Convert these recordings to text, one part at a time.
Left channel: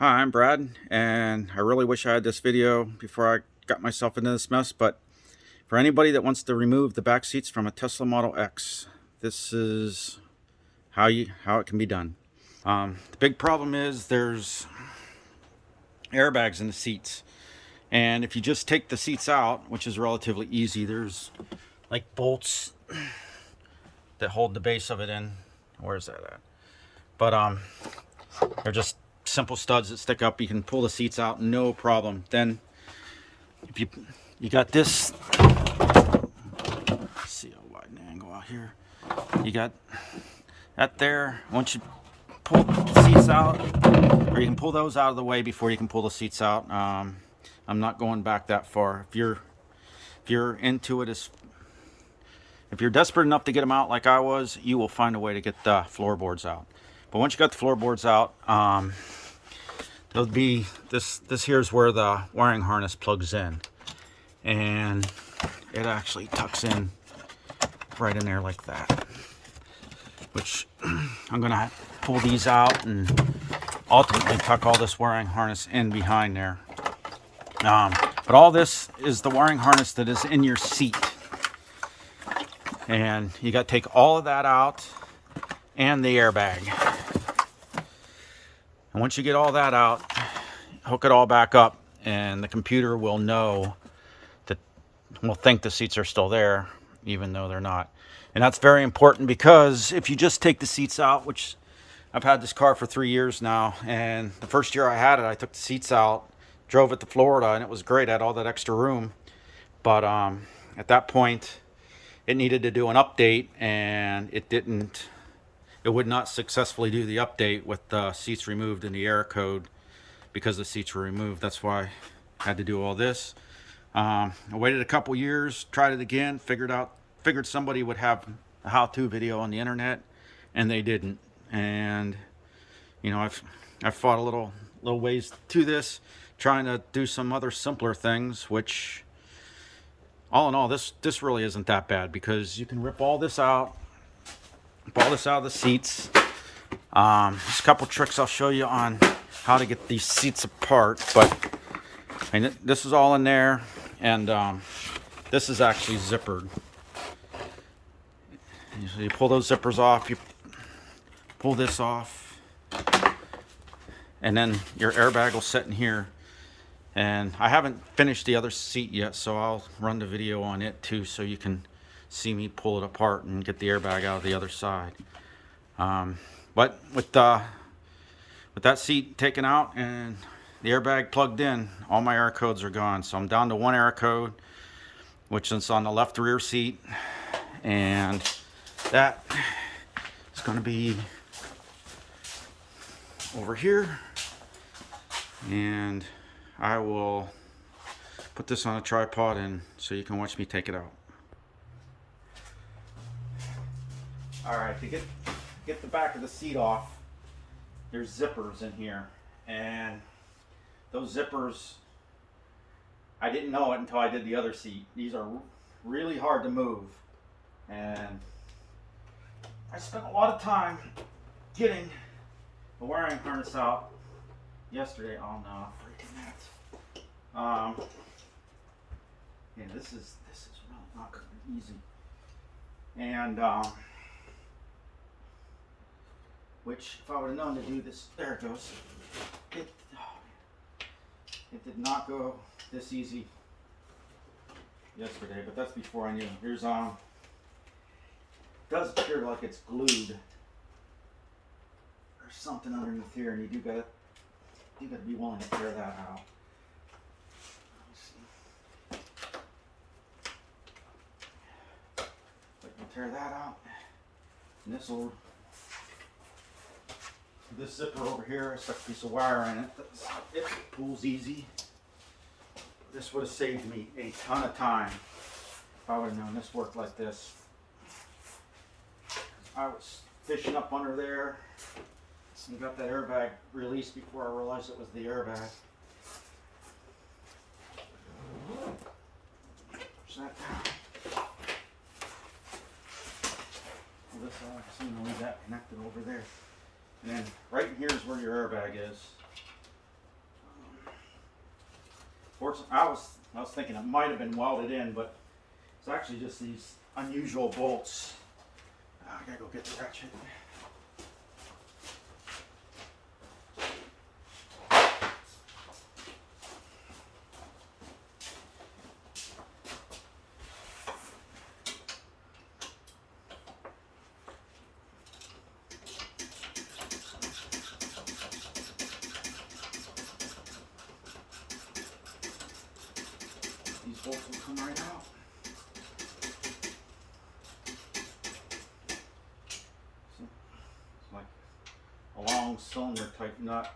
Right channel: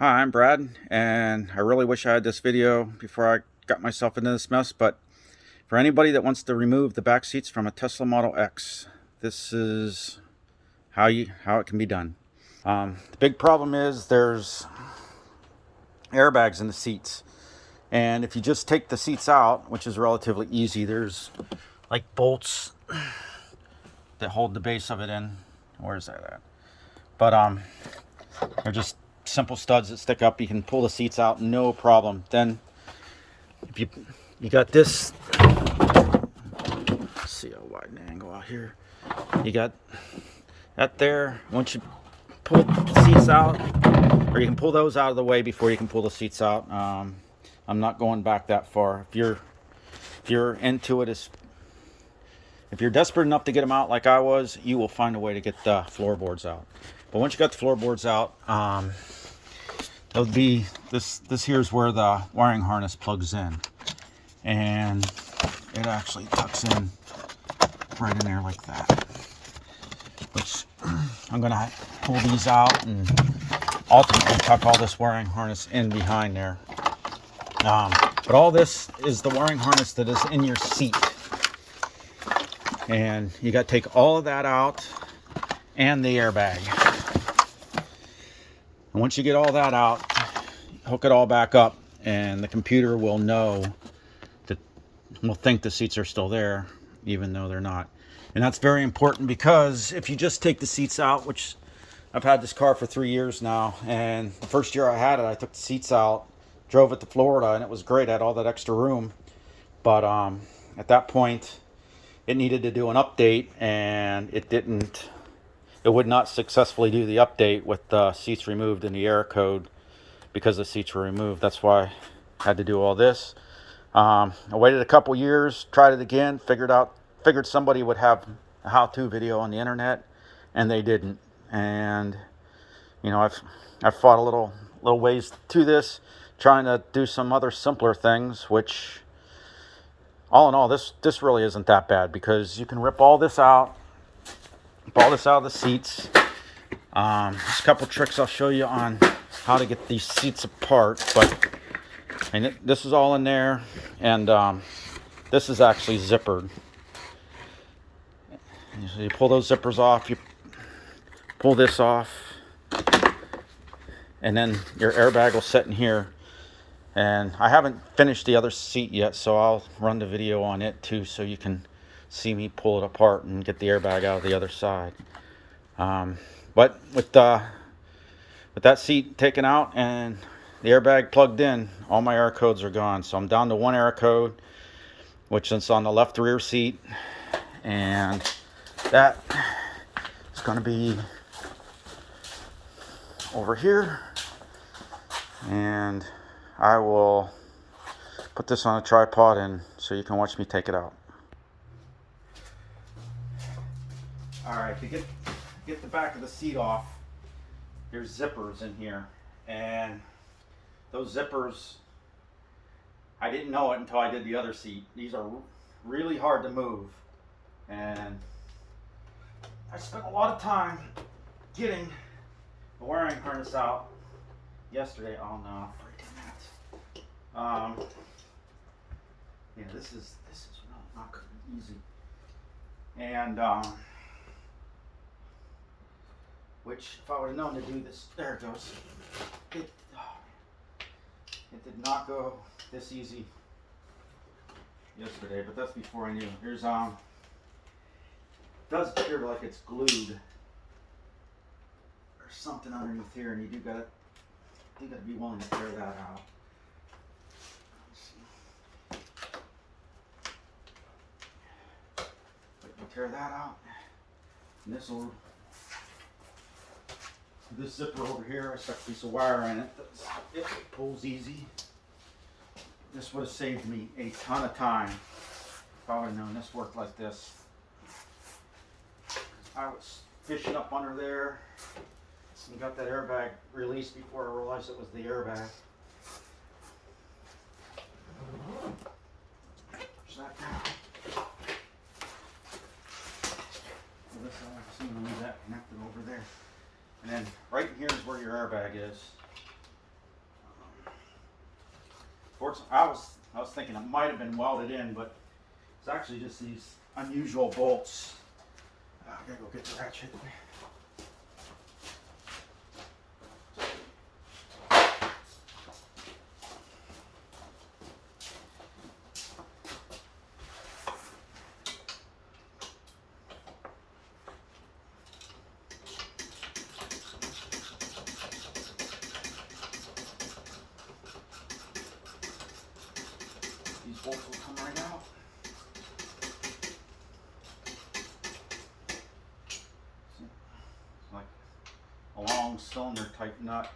Hi, I'm Brad, and I really wish I had this video before I got myself into this mess, but for anybody that wants to remove the back seats from a Tesla Model X, this is how it can be done. The big problem is there's airbags in the seats, and if you just take the seats out, which is relatively easy, there's like bolts that hold the base of it in. Where's that at? But they're just simple studs that stick up. You can pull the seats out, no problem. Then if you got this, let's see a wide angle out here. You got that there. Once you pull the seats out, or you can pull those out of the way before you can pull the seats out. I'm not going back that far. If you're into it, if you're desperate enough to get them out like I was, you will find a way to get the floorboards out. But once you got the floorboards out, there'll be this here's where the wiring harness plugs in, and it actually tucks in right in there like that, which I'm gonna pull these out and ultimately tuck all this wiring harness in behind there. But all this is the wiring harness that is in your seat, and you got to take all of that out and the airbag. And once you get all that out, hook it all back up, and the computer will know that, will think the seats are still there even though they're not. And that's very important, because if you just take the seats out, which I've had this car for 3 years now, and the first year I had it, I took the seats out, drove it to Florida, and it was great. I had all that extra room. But at that point, it needed to do an update, and it would not successfully do the update with the seats removed in the error code, because the seats were removed. That's why I had to do all this. I waited a couple years, tried it again, figured somebody would have a how-to video on the internet, and they didn't. And you know, I've fought a little ways to this, trying to do some other simpler things, which all in all, this really isn't that bad, because you can rip all this out of the seats. There's a couple tricks I'll show you on how to get these seats apart, but this is all in there, and this is actually zippered. You pull those zippers off, you pull this off, and then your airbag will sit in here. And I haven't finished the other seat yet, so I'll run the video on it too, so you can see me pull it apart and get the airbag out of the other side. But with that seat taken out and the airbag plugged in, all my error codes are gone. So I'm down to one error code, which is on the left rear seat, and that is going to be over here. And I will put this on a tripod and so you can watch me take it out. All right, to get the back of the seat off, there's zippers in here, and those zippers, I didn't know it until I did the other seat. These are really hard to move, and I spent a lot of time getting the wiring harness out yesterday. Oh no, yeah, this is really not going to be easy. And which, if I would have known to do this, there it goes. It did not go this easy yesterday, but that's before I knew. Here's it does appear like it's glued. There's something underneath here, and you gotta be willing to tear that out. Tear that out, and this zipper over here, I stuck a piece of wire in it. It pulls easy. This would have saved me a ton of time if I would have known this worked like this. I was fishing up under there and got that airbag released before I realized it was the airbag. Push that down. This side, I'm going to leave that connected over there. And then right in here is where your airbag is. Fortunately, I was thinking it might have been welded in, but it's actually just these unusual bolts. I gotta go get the ratchet. These bolts will come right out. So, it's like a long cylinder type nut.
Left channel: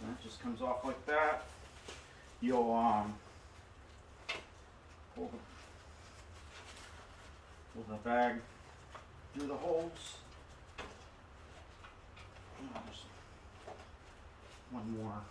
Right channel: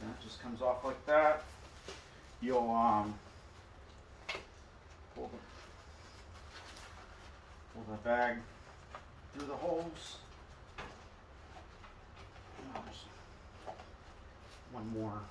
And it just comes off like that. You'll pull the bag through the holes. Oh, there's one more.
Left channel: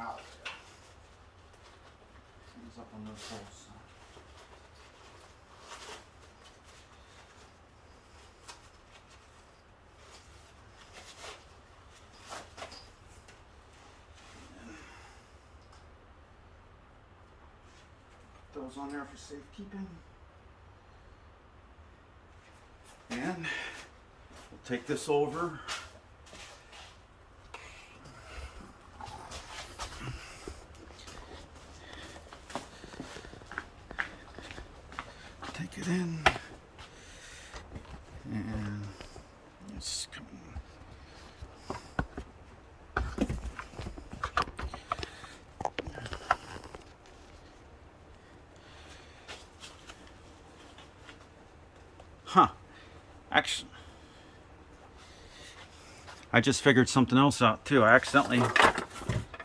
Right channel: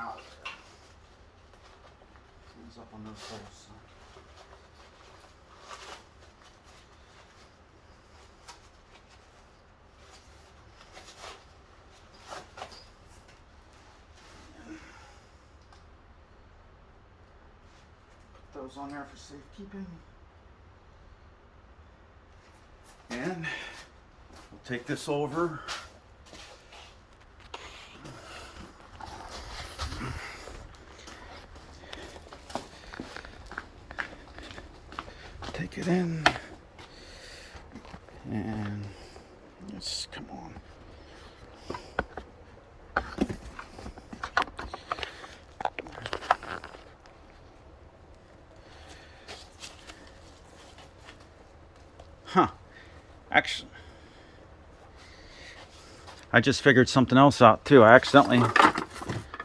Out. Things up on those holes. Put those on there for safekeeping. And we'll take this over. Take it in, and let's come on. Huh. Actually, I just figured something else out too. I accidentally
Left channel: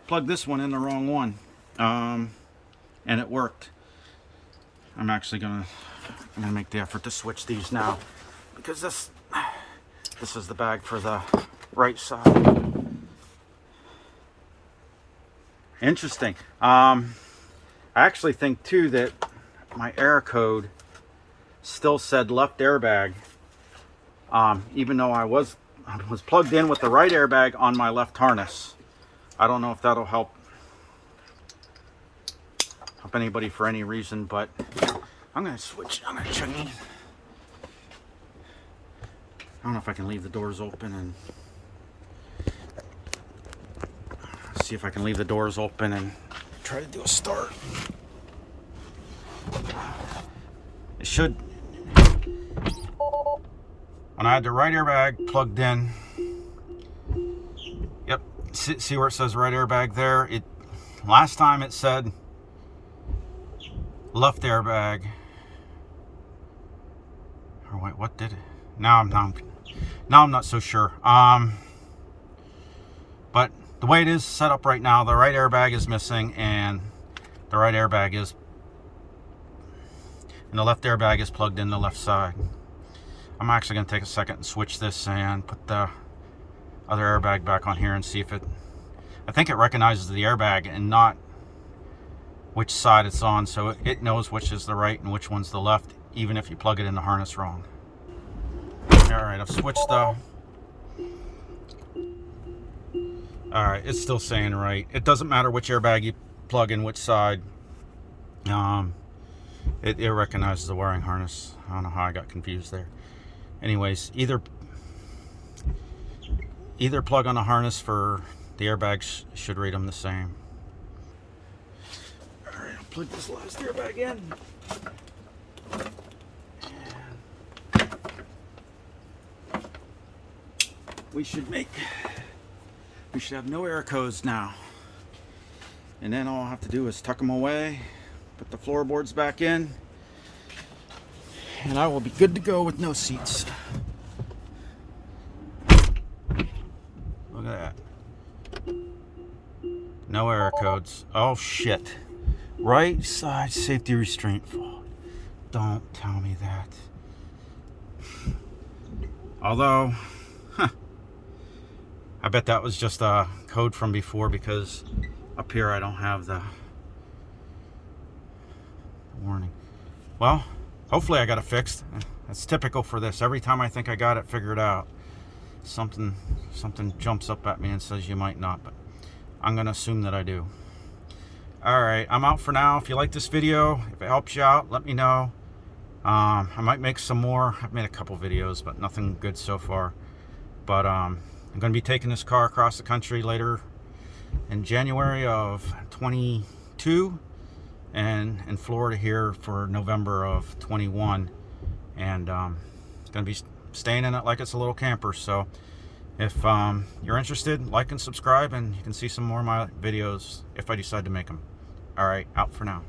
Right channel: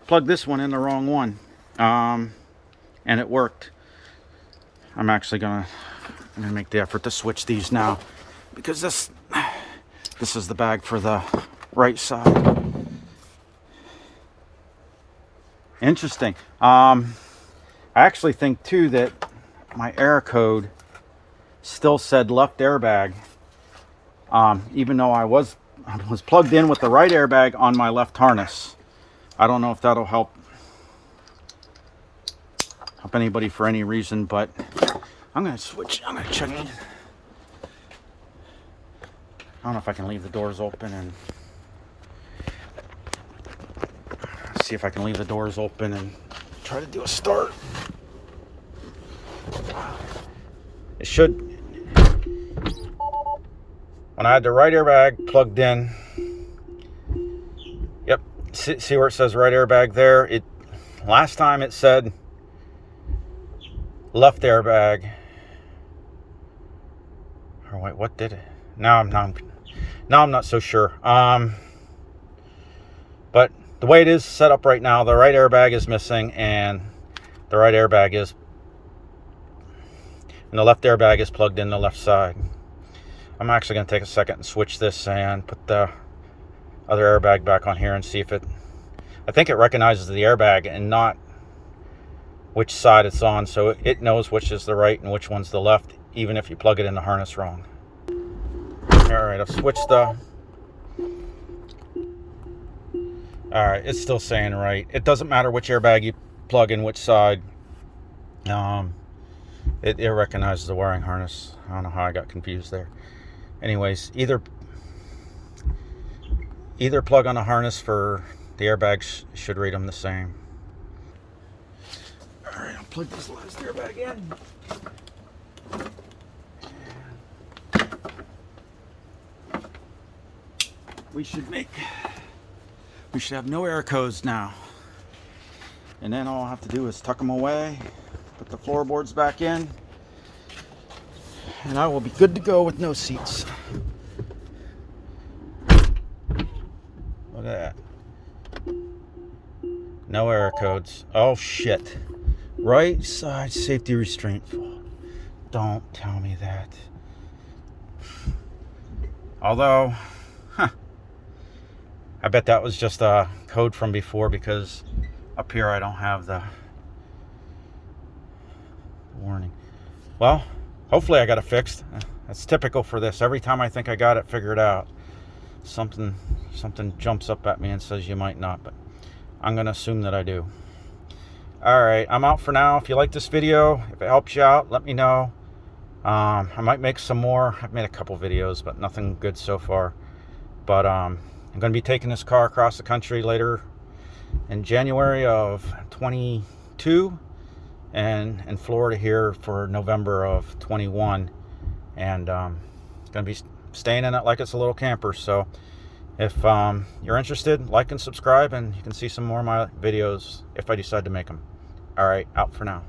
plugged this one in the wrong one, and it worked. I'm actually gonna make the effort to switch these now, because this is the bag for the right side. Interesting. I actually think too that my air code still said left airbag, even though I was plugged in with the right airbag on my left harness. I don't know if that'll help anybody for any reason, but I'm gonna switch. I'm gonna check. I don't know if I can leave the doors open and see if I can leave the doors open and try to do a start. It should. When I had the right airbag plugged in, yep. See where it says right airbag there? It last time it said left airbag. Or wait, what did it? Now I'm not so sure. But the way it is set up right now, the right airbag is missing, and the right airbag is, and the left airbag is plugged in the left side. I'm actually going to take a second and switch this and put the other airbag back on here and see if it. I think it recognizes the airbag and not which side it's on, so it knows which is the right and which one's the left, even if you plug it in the harness wrong. Alright, I've switched the... Alright, it's still saying right. It doesn't matter which airbag you plug in which side. It recognizes the wiring harness. I don't know how I got confused there. Anyways, either plug on the harness for the airbags should read them the same. Alright, I'll plug this last airbag in. We should have no air codes now. And then all I'll have to do is tuck them away, put the floorboards back in, and I will be good to go with no seats. Look at that. No air codes. Oh shit. Right side safety restraint fault. Don't tell me that. Although, I bet that was just a code from before, because up here I don't have the warning. Well, hopefully I got it fixed. That's typical for this. Every time I think I got it figured out, something jumps up at me and says you might not, but I'm gonna assume that I do. Alright, I'm out for now. If you like this video, if it helps you out, let me know. I might make some more. I've made a couple videos, but nothing good so far. But I'm gonna be taking this car across the country later in January of 22, and in Florida here for November of 21, and gonna be staying in it like it's a little camper. So if you're interested, like and subscribe, and you can see some more of my videos if I decide to make them. All right, out for now.